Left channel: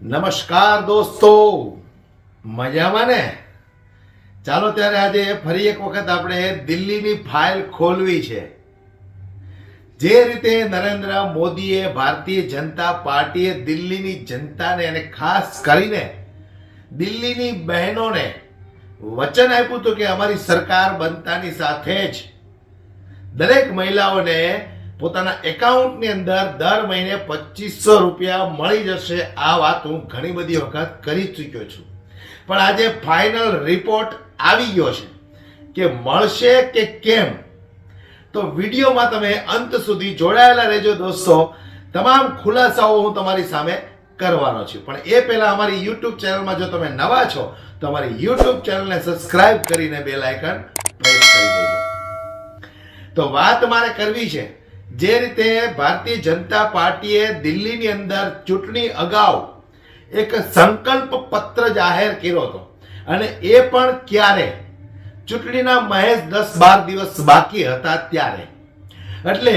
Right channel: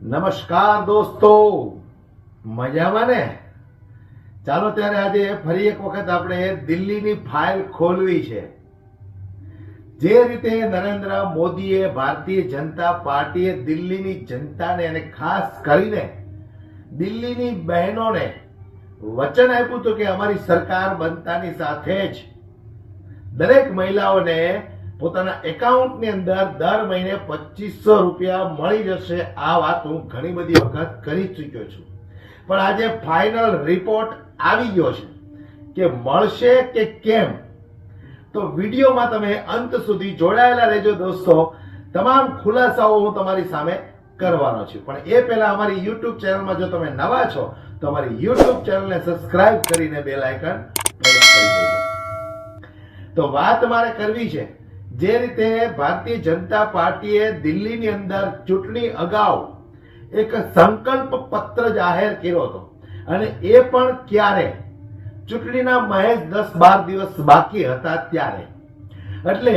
નમસ્કાર દોસ્તો, મજામાં ને? ચાલો ત્યારે આજે ફરી એક વખત આપણે દિલ્હીની ફાઇલ ખોલવી છે. જે રીતે નરેન્દ્ર મોદીએ ભારતીય જનતા પાર્ટીએ દિલ્હીની જનતાને અને ખાસ કરીને દિલ્હીની બહેનોને વચન આપ્યું હતું કે અમારી સરકાર બનતાની સાથે જ દરેક મહિલાઓને પોતાના એકાઉન્ટની અંદર દર મહિને 2500 રૂપિયા મળી જશે. આ વાત હું ઘણી બધી વખત કરી ચૂક્યો છું, પણ આજે ફાઇનલ રિપોર્ટ આવી ગયો છે કે મળશે કે કેમ. તો વિડીયોમાં તમે અંત સુધી જોડાયેલા રહેજો દોસ્તો. તમામ ખુલાસાઓ હું તમારી સામે કરવાનો છું, પણ એ પહેલા અમારી યુટ્યુબ ચેનલમાં જો તમે નવા છો તો અમારી યુટ્યુબ ચેનલને સબસ્ક્રાઇબ કરીને બેલ આઇકન પ્રેસ કરી દેજો. તો વાત મારે કરવી છે, જે રીતે ભારતીય જનતા પાર્ટીએ દિલ્હીની અંદર ચૂંટણી અગાઉ એક સંકલ્પ પત્ર જાહેર કર્યો હતો, અને એ પણ ક્યારે? ચૂંટણીના મહેજ 10-12 દિવસ બાકી હતા ત્યારે. એટલે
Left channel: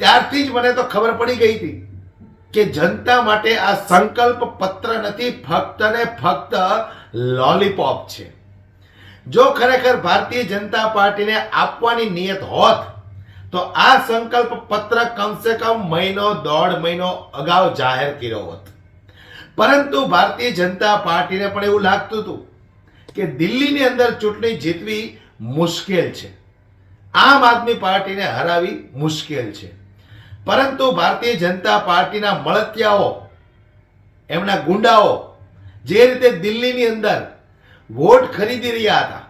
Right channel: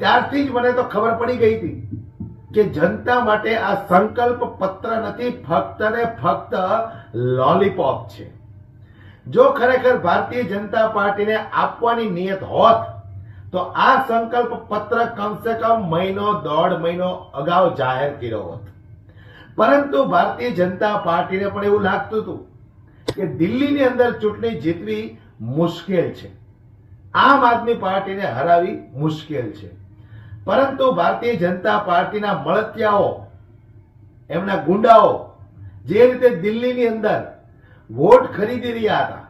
ત્યારથી જ મને તો ખબર પડી ગઈ હતી કે જનતા માટે આ સંકલ્પ પત્ર નથી, ફક્ત ને ફક્ત લોલીપોપ છે. જો ખરેખર ભારતીય જનતા પાર્ટીને આપવાની નિયત હોત તો આ સંકલ્પ પત્ર કમસે કમ મહિનો 1.5 મહિનો અગાઉ જાહેર કર્યો હોત. પરંતુ ભારતીય જનતા પાર્ટીને પણ એવું લાગતું હતું કે દિલ્હીની અંદર ચૂંટણી જીતવી મુશ્કેલ છે, આમ આદમી પાર્ટીને હરાવી મુશ્કેલ છે. પરંતુ ભારતીય જનતા પાર્ટીના મળતિયાઓ, એમના ગુંડાઓ જે રીતે દિલ્હીની અંદર વોટ ખરીદી રહ્યા હતા,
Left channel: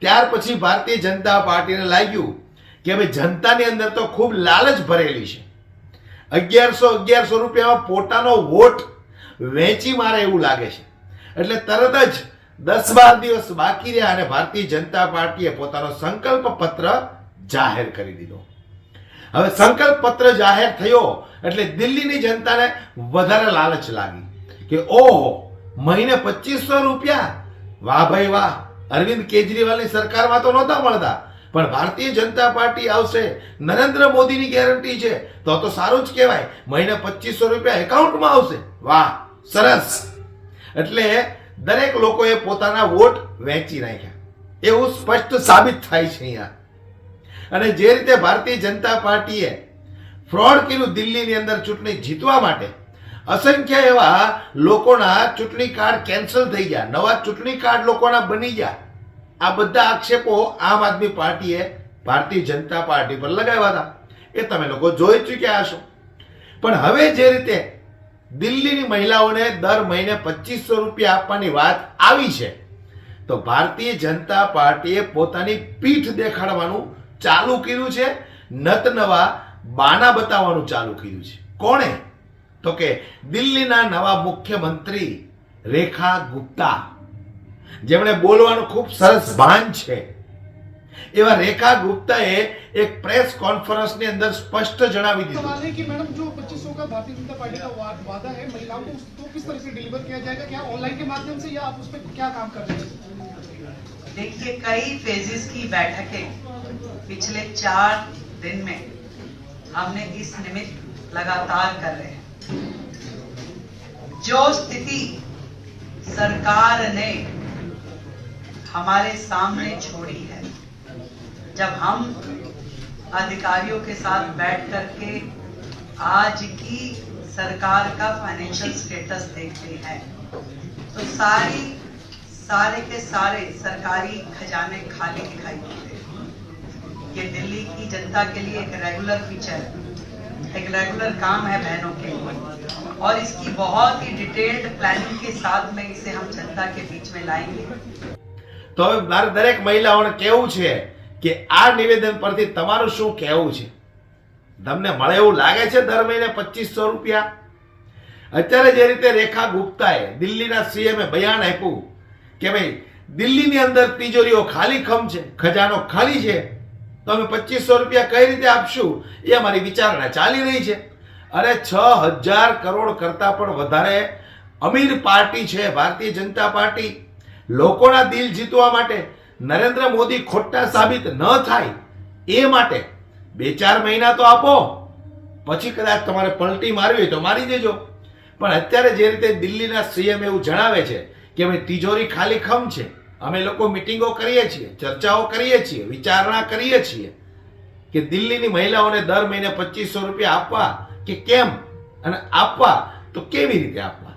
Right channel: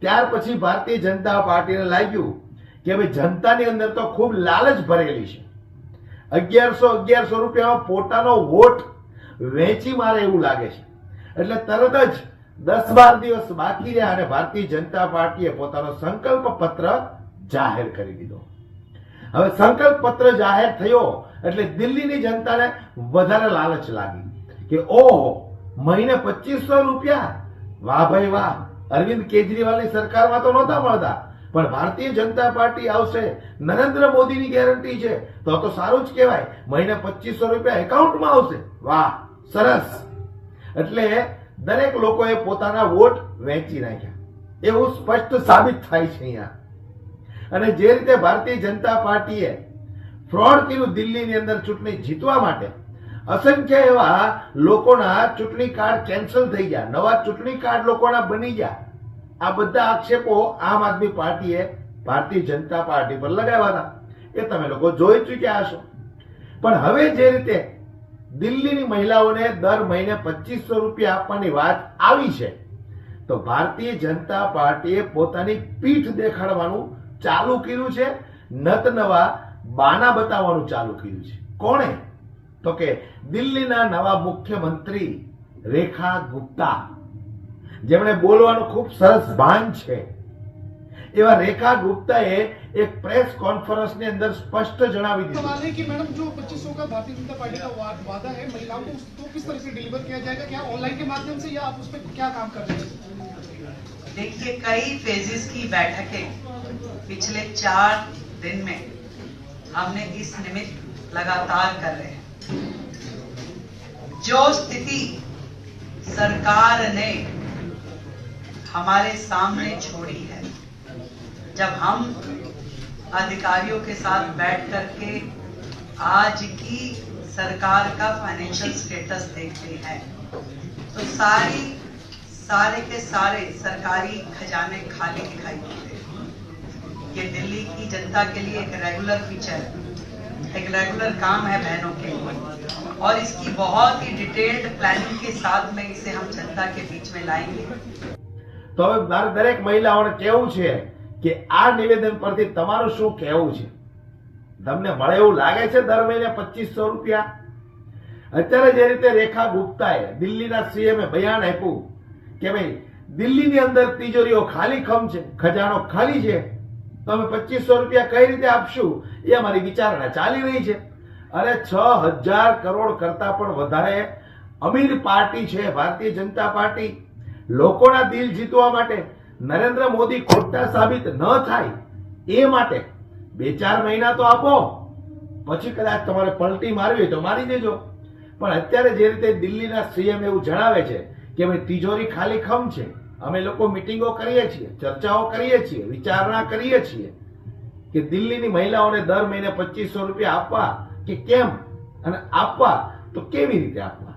ત્યાર પછી ભારતીય જનતા પાર્ટીને લાગ્યું કે હવે જનતાની અંદર તો ખૂબ લાલચ ભરેલી છે. 1100 રૂપિયામાં પોતાનો વોટ વેચી મારે એવું લાગે છે. એટલે તરત જ 10-12 દિવસ બાકી રહ્યા અને ભારતીય જનતા પાર્ટીએ પોતાનો સંકલ્પ પત્ર જાહેર કરી દીધો. હવે સંકલ્પ પત્ર જાહેર થયો એટલે દિલ્હીની જનતાને વધારે લાલચ લાગી કે ઓહો, મહિને 2500 રૂપિયા, વાહ ભાઈ વાહ. અરવિંદ કેજરીવાલની સરકારમાં તો નહોતા મળતા, પણ ભારતીય જનતા પાર્ટી આવશે, નરેન્દ્ર મોદીની ગેરંટી છે, તો સારું જ કહેવાય. મહિને 2500 રૂપિયા એકાઉન્ટમાં આવશે, વાહ સરસ. એટલે દરેક લોકોએ પોતાના વોટ વેચી નાખ્યા, એવું સ્પષ્ટ સાબિત થાય છે અહીંયા. અને જે રીતે ભારતીય જનતા પાર્ટીએ ફ્રોડ કર્યું દિલ્હીની અંદર ચૂંટણી જીતવા માટે, અસંખ્ય એવા લોકોના ચૂંટણી કાર્ડ કેન્સલ થઈ ગયા, નવા ચૂંટણી કાર્ડ લોકોના બની ગયા. આ બધા આક્ષેપો આમ આદમી પાર્ટીએ ભારતીય જનતા પાર્ટી પર લગાવ્યા હતા, એ તમે લોકો જોઈ ચૂક્યા હશો. પણ હવે જે રીતે દિલ્હીની મહિલાઓને દર મહિને 2500 રૂપિયા આપવાની વાત આવી છે, તો ભારતીય જનતા પાર્ટીએ પોતાની પીઠ દેખાડવાનું ચાલુ કર્યું છે, નત નવા બાના બતાવવાનું ચાલુ કર્યું છે. કોણે? તો કે દિલ્હીના નવા મુખ્યમંત્રી રેખા ગુપ્તા, જેમણે બોલવાનું ખૂબ સરસ ભાન છે. એવા રેખા ગુપ્તાએ એક પ્રેસ કોન્ફરન્સની અંદર સ્પષ્ટ જણાવી દીધું. सवाल है कि मैडम जो 2500 का भारतीय जनता पार्टी का वादा है महिलाओं को, उसको किस तरह से डिलीवर किया जाएगा? क्या ऑनलाइन के माध्यम से, या आप उस पर क्या काम कर रहे हैं? देखिए, कई फेजेस की बैठकें पिछले 4 दिन में हमने इस निमित्त लगातार कर रहे हैं. जो स्थिति सरकार ने हमारे सामने छोड़ी है, जब हम अधिकारियों के साथ बैठ करके आज की सरकार का फाइनेंशियल स्टेटस देखते हैं, तो सारे के सारे सरकारी खजाने खाली दिखाई देते हैं. ये दिल्ली की जनता के लिए एक रेगुलर फीचर है, एक रेगुलर काम है बहनों के लिए, और इसकी बहुत ही डिटेल्ड प्लानिंग के साथ में इसे हम जनता के बीच में लाएंगे. તો હવે મારે દરેક મહિલાઓને કહેવું છે કે આ નિવેદન પરથી તમારું શું કહેવું છે? તમને મળે એવું લાગે છે દર મહિને 2500 રૂપિયા? અત્યારે જે રીતે રેખા ગુપ્તાએ, દિલ્હીના સીએમએ બયાન આપ્યું કે ભાઈ દિલ્હીની અંદર તિજોરીઓ ખાલી ખમ છે, ખજાનો ખાલી છે, તો અમે 2500 રૂપિયા કઈ રીતે આપશું, એ અમારી વિચારણા ચાલી રહી છે. અરે 6000 કરોડ કરતા પણ વધારે અમીર પાર્ટી છે ભારતીય જનતા પાર્ટી. લોકોના દિલ જીતવા માટે, નરેન્દ્ર મોદી ખોટા સાબિત ન થાય એ માટે 2-4 મહિના તો આપો, પછી કદાચ તમારે પલટી મારવી હોય તો મારી દેજો. પણ અત્યારે જે રીતે દિલ્હીના સીએમ એવું જણાવે છે કે ભાઈ તિજોરી ખાલી ખમ છે, અમે લોકો મિટિંગો કરીએ છીએ, ચર્ચાઓ કરીએ છીએ, વિચારણા કરીએ છીએ કે દિલ્હીની મહિલાઓને દર મહિને 2500 રૂપિયા આપવા કે કેમ, અને આપવા તો કેવી રીતે આપવા.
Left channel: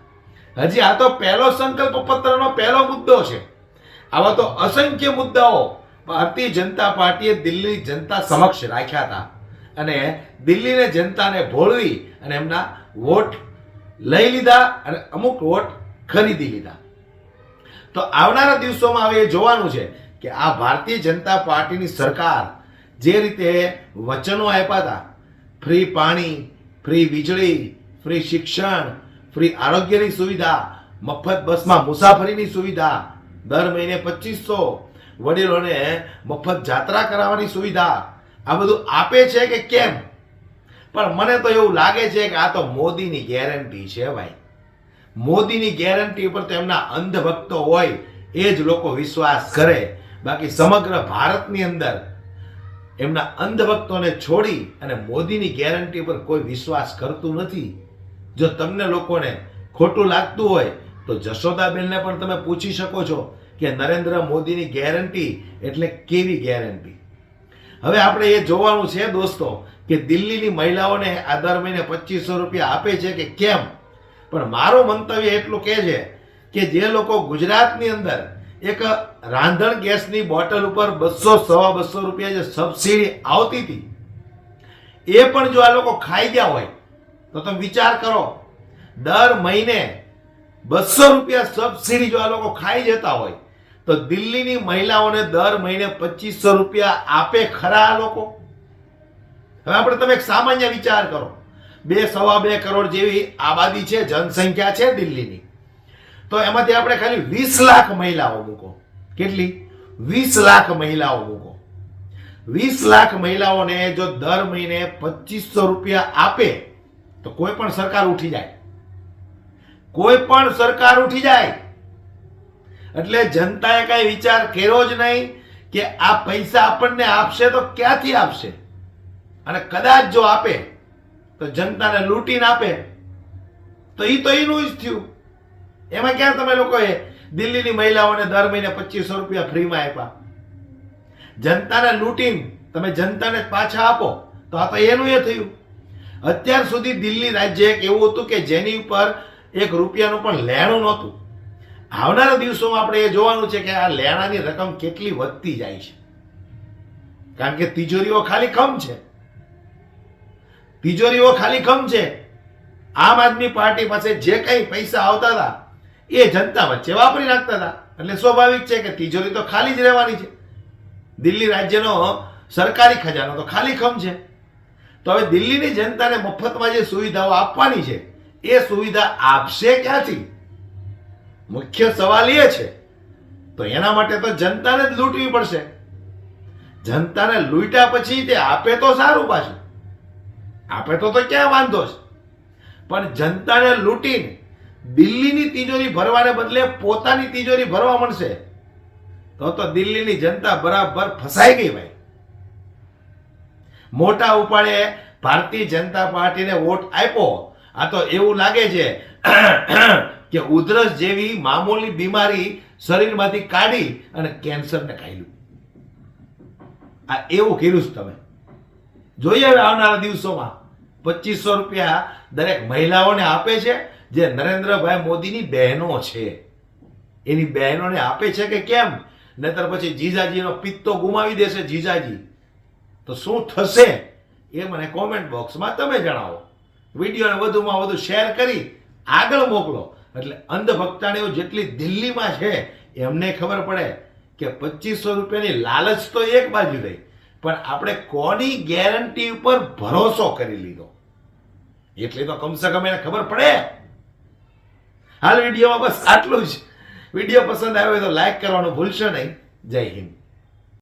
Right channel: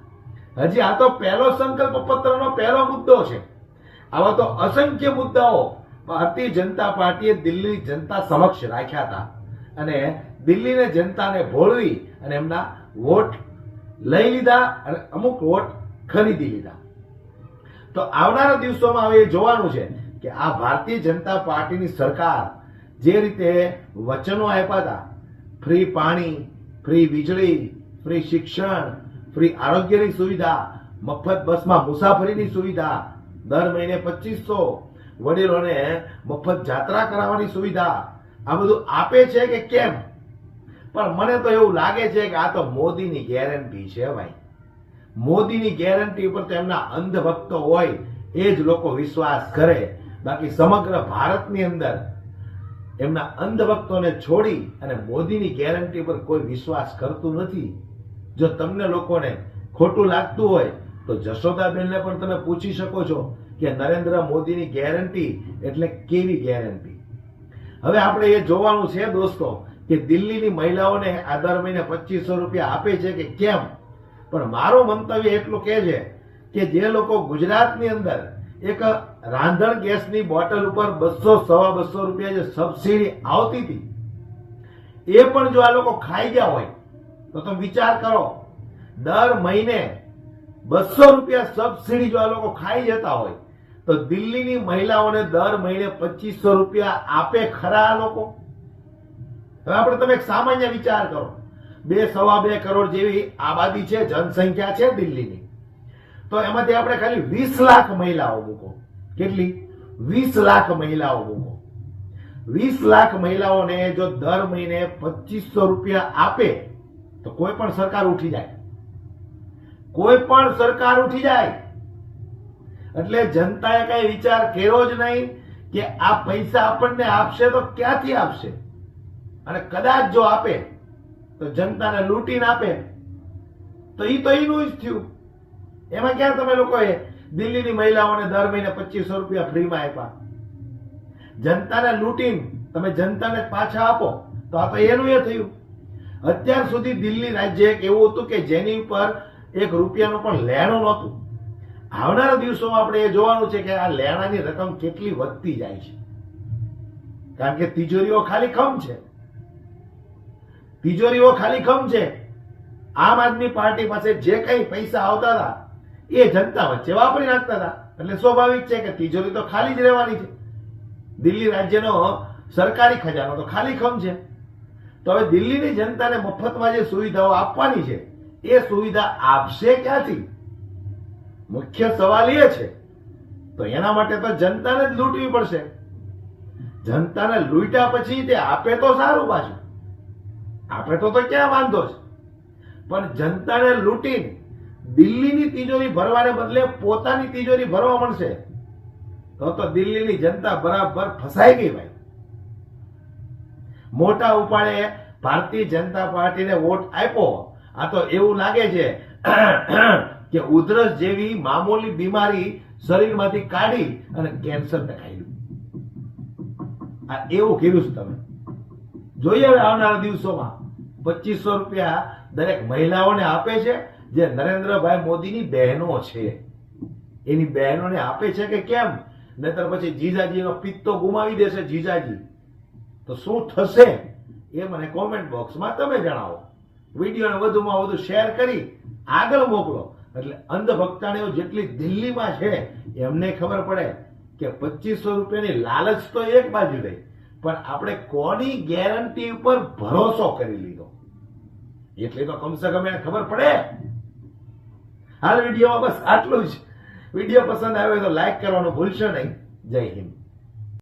હજી આ તો પહેલો સંકલ્પ પત્રનો પહેલો મુદ્દો છે. આવા તો અસંખ્ય મુદ્દાઓ ભારતીય જનતા પાર્ટીએ દિલ્હી જનતા સમક્ષ રાખ્યા હતા અને દિલ્હીને જનતાને ભોળવી અને એમના વોટ લઈ લીધા અને અમુક વોટ ખરીદી લીધા. તો આવનારા દિવસોમાં હવે જોવાનું છે કે આ ભારતીય જનતા પાર્ટીની સરકાર જે રીતે વચનો આપ્યા હતા, ફ્રી પાણી, ફ્રી વીજળી, ફ્રી શિક્ષણ, ફ્રી આરોગ્યની સુવિધા, મફત બસમાં મુસાફરીની સુવિધા, દર મહિને 2500, વડીલોને મફત જાત્રા કરાવવાની સુવિધા, આ બધું આપે છે કે કેમ? પણ મને તો એવું લાગે છે કે આ તો મોદીની ગેરંટી છે ભાઈ. મોદીની ગેરંટી ઉપર તો એમના અંધભક્તો હોય એ જ લોકો વિશ્વાસ કરે. બાકી સમગ્ર ભારતની અંદર એમના અંધભક્તોને છોડી અને મોદીની ગેરંટી પર કોઈ વિશ્વાસ કરતું નથી. જો તમને લોકોને ખોટું લાગતું હોય તો જશોદાબેનને પણ તમે પૂછી શકો છો કે નરેન્દ્ર મોદીની ગેરંટી એટલે કેવી ગેરંટી. હવે આપણે એ જોવાનું છે દોસ્તો કે દિલ્હીની મહિલાઓને આ દર મહિને 2500 રૂપિયા આપે છે કે કેમ. પણ મારું મંતવ્ય એટલું કહે છે કે જે લોકો ગુજરાતની અંદર એક રાંધણ ગેસની બોટલ ઉપર 200-250 રૂપિયા જે સબસિડી આવતી હતી એ પણ જો આ લોકો ખાઈ ગયા હોય તો તમે વિચાર કરો, દર મહિને 200 રૂપિયા સબસિડી જો આ લોકો ખાઈ જતા હોય તો દિલ્હીની મહિલાઓને દર મહિને 2500 રૂપિયા આપે ખરા આ લોકો? હવે આપણે તમે એક સામાન્ય વિચાર કરો, 2-2.5 કરોડ જેવી આબાદી છે, જનસંખ્યા છે દિલ્હીની, તો એમાંથી આપણે ખાલી 20 લાખ મહિલાઓ મૂકો. કેટલી? 20 લાખ મહિલાઓ મૂકો. 20 લાખ મહિલાઓને જો દર મહિને 2500 રૂપિયા આપે તો કોઈ પણ સરકાર ઉઠી જાય. કોઈ પણ સરકાર ઉઠી જાય. એટલે જનતાએ કઈ વિચાર કર્યો જ નહીં કે આ પૈસા આપણને આપશે તો ક્યાંથી આપશે, અને કદાચ જો આપે તો જનતાને લૂંટીને આપે તો એનું જ થયું. એમાં ક્યાં તમે લોકોએ દિલ્હીની મહિલાઓને દર મહિને 2500 રૂપિયા ફ્રીમાં આપ્યા? જનતાને લૂંટીને તમે જનતાને પાછા આપો તો આ તો એનું એ થયું. અત્યાર સુધી દિલ્હી રાજ્ય એક એવું હતું કે જેની ઉપર 1 રૂપિયાનું પણ લેણું નહોતું. આવનારા દિવસોમાં આપણે એ જોવાનું છે કે આ લેણાની રકમ કેટલી વધતી જાય છે, કારણ કે તિજોરીઓ ખાલી ખમ છે. તિજોરીઓ ખાલી ખમ છે. આમ આદમી પાર્ટી પાસે જે કઈ પૈસા આવતા હતા એ જનતા વચ્ચે વાપરી નાખતા હતા. એટલે સ્વાભાવિક છે કે તિજોરી તો ખાલી જ રહેવાની છે. દિલ્હી રાજ્યનો સરકારી ખજાનો તો ખાલી ખમ છે. તો હવે દિલ્હીની જનતાને મફતમાં જે સુવિધાઓ આપવાની છે એ સુવિધા આપશે ક્યાંથી? મુખ્ય સવાલ એ છે. તો એના માટે તો જનતાને જ લૂંટવી પડશે. જનતાને લૂંટ્યા પછી તે આપે તો સારું, પાછું આપે તો ક્યાં વાંધો છે. પણ જનતાને લૂંટીને દિલ્હીની તિજોરી ભરવાને બદલે પોતાની તિજોરી ભરવા મળશે તો દિલ્હીની જનતા બરાબર ફસાઈ ગઈ ભાઈ. મોટા ઉપાડે ભારતીય જનતા પાર્ટીને વોટ આપ્યો. આ તો એવું લાગે છે કે ઉધરસ જેવી મામૂલી બીમારી શરીરમાંથી કાઢી અને કેન્સરને ખાઈ લીધું. આ એવું કર્યું છે તમે. જોઈએ હવે આવનારા દિવસોમાં 2500 રૂપિયા દરેક મહિલાઓને આપે છે જે નરેન્દ્રભાઈ મોદીની બહેનો છે, એની બહેનોને આપે છે કે કેમ? નહીતર પછી જીજાજીનો પિત્તો ગુમાવી દેશે જીજાજી. તો શું થશે એ મને કોમેન્ટ બોક્સમાં તમે જણાવો. વિડીયોને વધુમાં વધુ શેર કરી આગળ મોકલો એટલે અંધભક્તાણીઓ જેટલી દિલ્હીમાં છે એમને ખબર પડે કે 2500 રૂપિયાની લાલચ તો એક બાજુ રહી, પણ આપણે કોની ગેરંટી ઉપર ભરોસો કરી લીધો એટલે તો કમસે કમ એને ખબર પડે. હાલ વિડીયોમાં બસ આટલું જ. વિડીયો પસંદ આવ્યો તો લાઈક કરવાનું ભૂલશો નહીં. જય હિન્દ.